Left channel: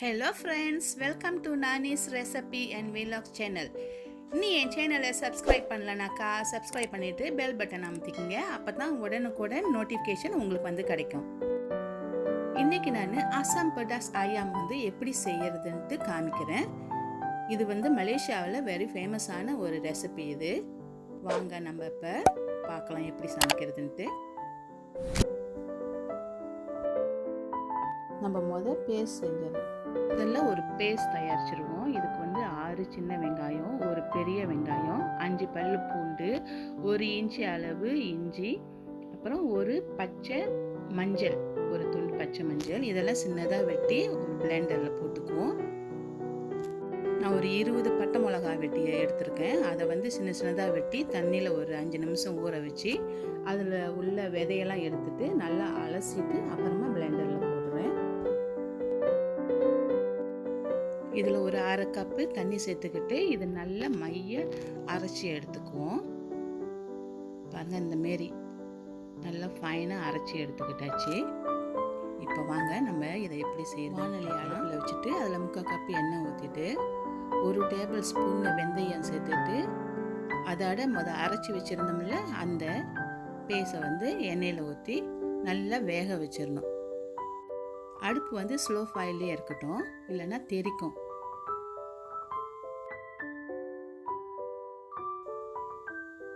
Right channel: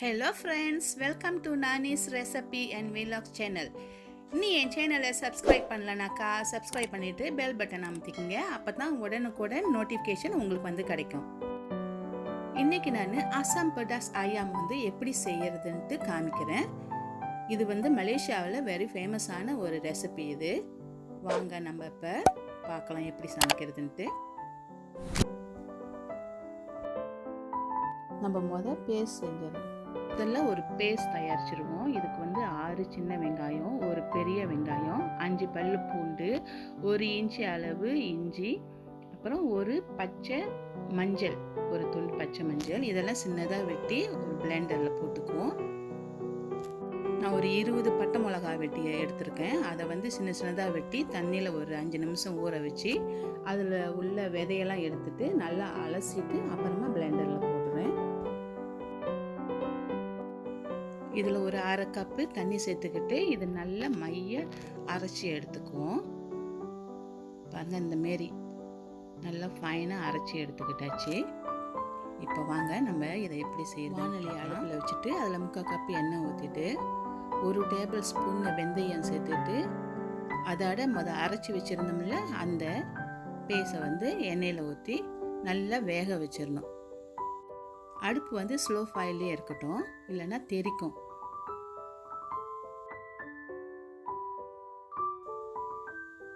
Hello friends, welcome to Nani's recipe and vlogs channel. நீ என் சேனலை subscribe பண்ணலனாக்கா subscribe பண்ணிட்டு bell button அமுத்திக்கங்க. அப்பதான் உடனுக்குடன் நோட்டிஃபிகேஷன் உங்களுக்கு வந்து கிடைக்கும். இன்னைக்கு நான் அசாம் பெடாஸ் ஐயாம் எப்படி செய்யறதுன்னு காமிக்கிறேன். இது மலேசியாவில் வெரி ஃபேமஸான ஒரு ரெசிபி. இது வாங்க நம்ம இப்போ பார்க்கலாம் எப்படி சமைக்கிறதுன்ட்டு. நம்ம பேஸ்ட் செஞ்சிடலாம். இதெல்லாம் ஒரு பேஸ்ட் தயாரிச்சிருவோம். இதுக்கு 6 சின்ன வெங்காயம், ஒரு பெரிய வெங்காயம், 5 பல்லு பூண்டு, 1 இன்ச்சு அளவு இஞ்சி, அப்புறம் ஒரு பச்சை மஞ்சள், ஒரு துண்டு பச்சை மஞ்சள். இதெல்லாம் சின்னதாக வெட்டி ஒரு பிளெண்டரில் போட்டுக்குவோம். நான் ஒரு 20 பட்டை மிளகா வெட்டி எடுத்திருக்கேன். அதை சின்ன சின்னதாக வெட்டி தண்ணியில் ஒரு 5 நிமிஷம் ஊற வச்சு அதில் உள்ள விதையெல்லாம் எடுத்துட்டு நல்லா அலசிட்டு அப்புறமா பிளெண்டரில் போடுறேன். இதில் ஒரு 1/2 கப்பு தண்ணி சேர்த்துக்கிட்டு இது நல்லா மைய அரைச்சி எடுத்துக்குவோம். பாருங்கள், இந்த மாரி நல்லா ஃபைனாக அரைச்சி எடுத்துக்கிட்டாச்சு. இப்போ வாங்க நம்ம இதை எப்படி செய்யணும். வானொலி அடுப்பில் வச்சுட்டு அதில் 3/4 கப்பு எண்ணெய் ஊற்றிட்டு 1 டேபிள் ஸ்பூன் வெந்தயம் சேர்த்துட்டு அதோட அரைச்சி வச்சுருந்தோம்ல அந்த பேஸை எண்ணெயில் ஊற்றி நல்லா வேக வச்சிடணும். அடுப்பு ஸ்லோ ஃபயர்லேயே இருக்கட்டும், இல்லைன்னா தெறிக்கும்.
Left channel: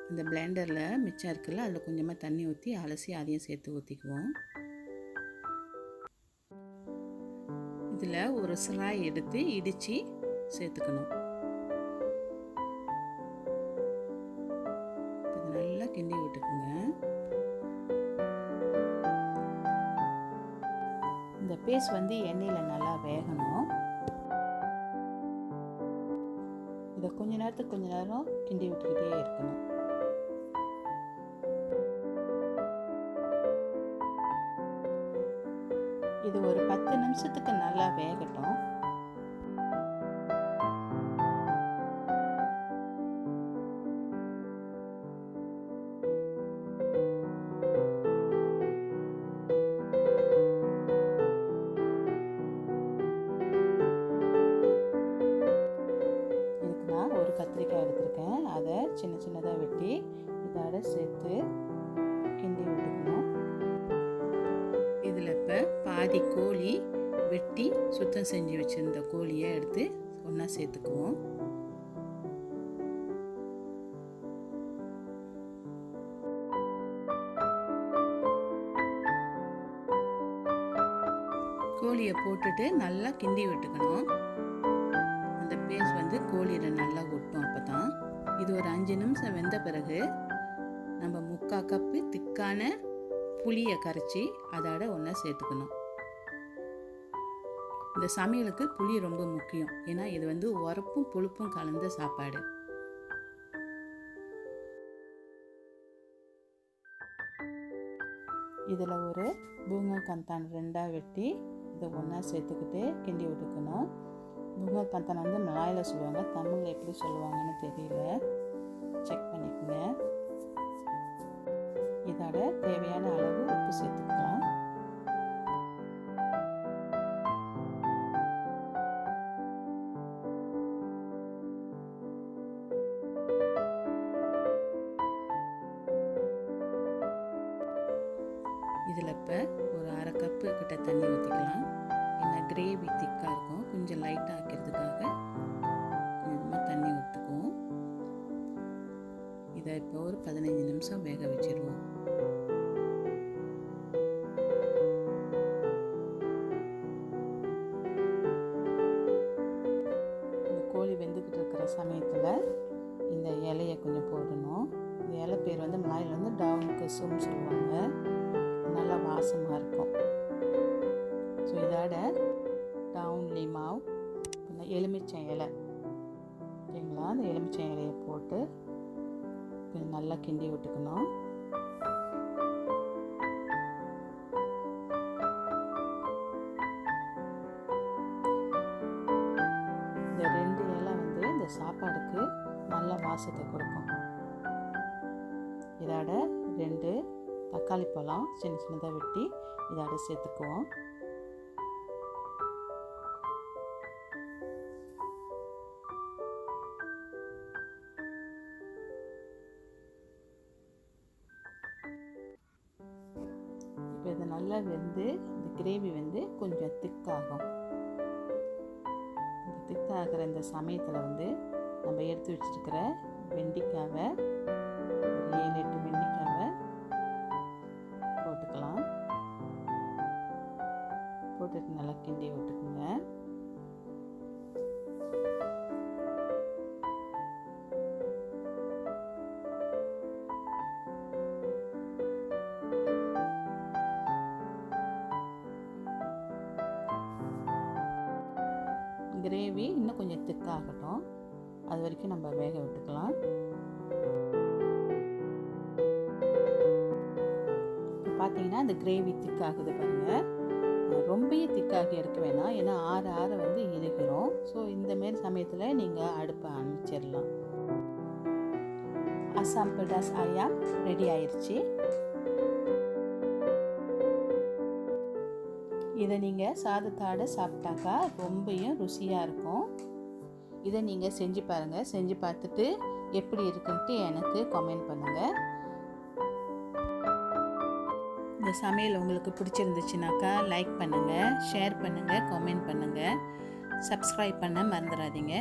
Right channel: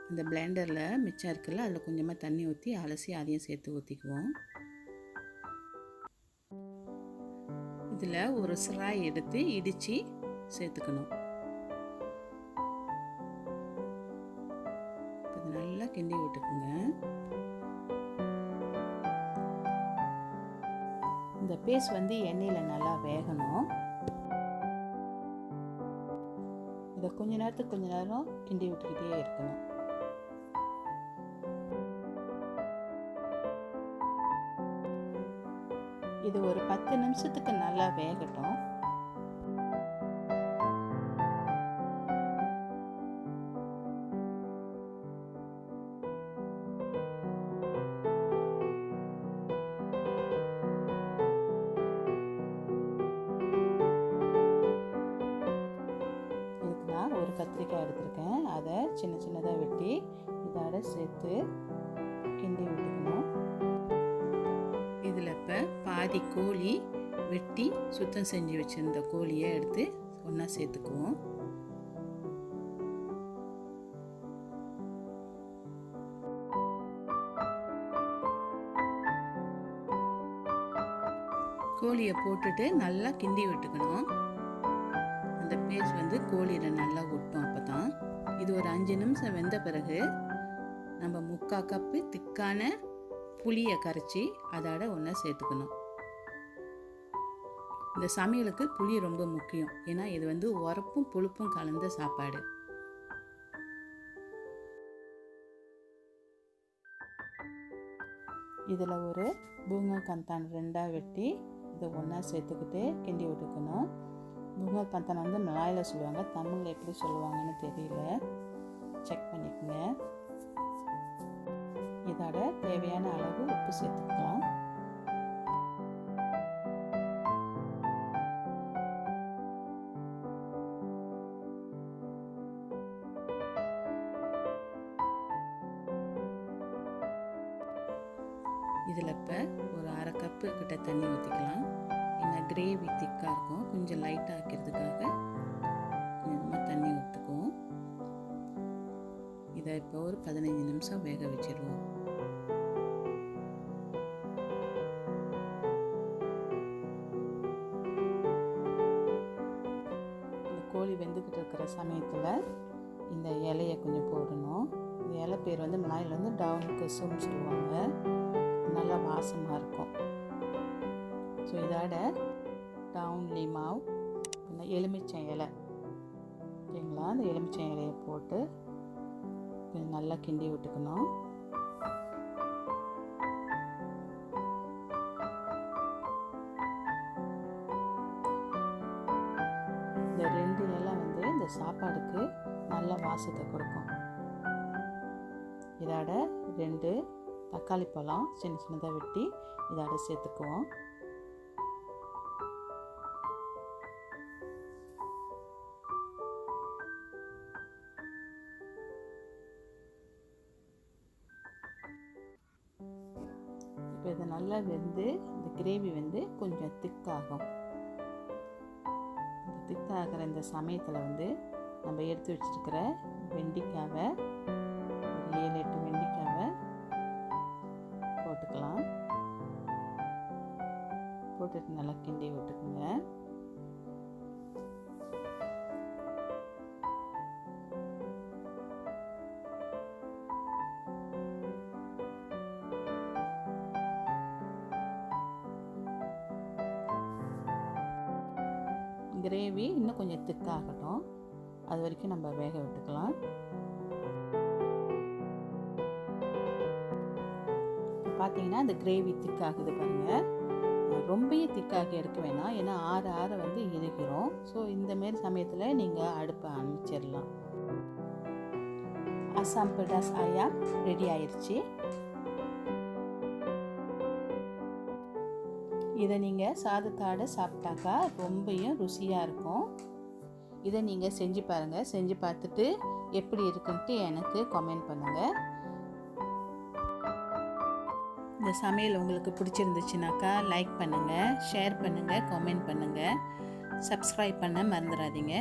இந்த பிளெண்டரில் மிச்சம் இருக்குல்ல, அதில் கொஞ்சமாக தண்ணி ஊற்றி அலசி அதையும் சேர்த்து ஊற்றிக்குவோம். இதில் ஒரு சிராய் எடுத்து இடித்து சேர்த்துக்கணும். இது நல்லா கிண்டி விட்டுக்குங்க. இந்த பேஸ்ட் எண்ணெயில் நல்லா வேகணும். இதை கொஞ்ச நேரம் கிண்டி விட்டுக்கிட்டே இருக்கணும். இது ஒரு 10 நிமிஷத்துக்கு நல்லா வேகட்டும். நான் ஒரு கத்திரிக்காய் எடுத்திருக்கேன். அதை சின்ன சின்னதாக வெட்டி இதோட சேர்த்து கிண்டி விட்டுக்கணும். இதில் இப்போ பாதி கோழி வெட்டி சுத்தம் செஞ்சு வச்சுருந்த கோழியை எடுத்து ஒன்றா சேர்த்துக்குவோம். கோழியை போட்டுட்டு நல்லா கிண்டி விட்டுக்கணும். அந்த பேஸ்ட் கோழியில் நல்லா ஒட்டும். அப்போ தான் இது ஒரு 5 நிமிஷம் வெந்த பிறகு நம்ம 3/4 கப்பு திக்கான புளியை கரைச்சி அதோட ஒன்றா சேர்த்துக்கணும். இந்த சமையலுக்கு புளி ரொம்ப முக்கியம். ஏன்னா இது உரப்பும் புளிப்பும் கலந்த சாப்பாடு. இதில் ஒரு பூங்கா கந்தான் 2ஆக வெட்டி இதை ஒன்றா சேர்த்துக்கிட்டு கிண்டி விட்டுக்கணும். பூங்கா கந்தான் மலாயில் சொல்லுவாங்க, தமிழில் எப்படி சொல்லுவாங்கன்னு தெரியல, செக் பண்ணிக்கோங்க. இதோட தேவையான அளவு உப்பு சேர்த்துக்கலாம். இதில் இப்போ ஒரு 1/2 கப்பு கிட்ட தண்ணி ஊற்றிக்கலாம். ஏன்னா கிரேவி திக்காக இருக்கும், கொஞ்சம் லைட்டாக ஆக்கிறதுக்காக கொஞ்சமாக தண்ணி ஊற்றுக்குவோம். இதை இப்போ ஒரு 15 நிமிஷம் வேக வச்சிடுவோம். இந்த கோழி வெந்துக்கிட்டு இருக்கிற சமயத்தில் இந்த இலையை கொஞ்சம் போடணும். இந்த இலை பேர் மலாயில் டவுன் குசும் சொல்லுவாங்க. நல்லா வாசமாக இருக்கும். ஸோ இதோட டவுன் லிமாவ் எலுமிச்சை இலை ஓகேங்களா, அந்த எலுமிச்சை இலையை போட்டு கொஞ்சம் நல்லா கிண்டி விட்டுக்கணும். இந்த 2 இலை இந்த சாப்பாடுக்கு நல்ல வாசத்தை கொடுக்கும். இதோட 2 தக்காளி பழம் சின்ன சின்னதாக வெட்டி இதோட சேர்த்துக்குவோம். இது நல்லா வெந்து இந்த கிரேவி வந்து கொஞ்சம் திக்காகும். இந்த திக்காகிற இந்த சமயத்தில் வந்து நம்ம எடுத்து வச்சுருக்கிற வெண்டைக்காவை ஒரு 7-8 வெண்டைக்காவை போட்டுக்கலாம். போட்டுட்டு நல்லா கிண்டி விட்டுக்குங்க. கிரேவி இன்னும் கொஞ்சம் திக்காகட்டும், அது வரைக்கும் நம்ம வேக விட்டுக்கலாம். இப்போ பார்த்தீங்கன்னா இந்த கிரேவி திக்காகுது பாருங்கள். ரொம்பவும் திக்காகி எடுக்க வேணாம், ஏன்னா ஆற ஆற வந்து இறுகிறோம். ஸோ இந்தமாரி சமயத்தில் நீங்கள் அடுப்பை அணைச்சிடலாம். அசாம் பெடாஸ் ஐயாம் ரெடி ஆயிடுச்சு. இதை நீங்கள் சாதத்தோடு சாப்பிட்டாக்கா ரொம்பவும் ருசியாக இருக்கும். இதை நீங்கள் செஞ்சு பாருங்கள். செஞ்சு பார்த்துட்டு எப்படி இருக்குன்ட்டு எனக்கு கமெண்ட் பண்ணுங்கள். இந்த சமையல் உங்களுக்கு பிடிச்சிருந்துச்சுனாக்கா லைக் பண்ணுங்கள், ஷேர் பண்ணுங்கள், கமெண்ட் பண்ணுங்கள், சப்ஸ்கிரைப் பண்ண மறந்துடாதீங்க.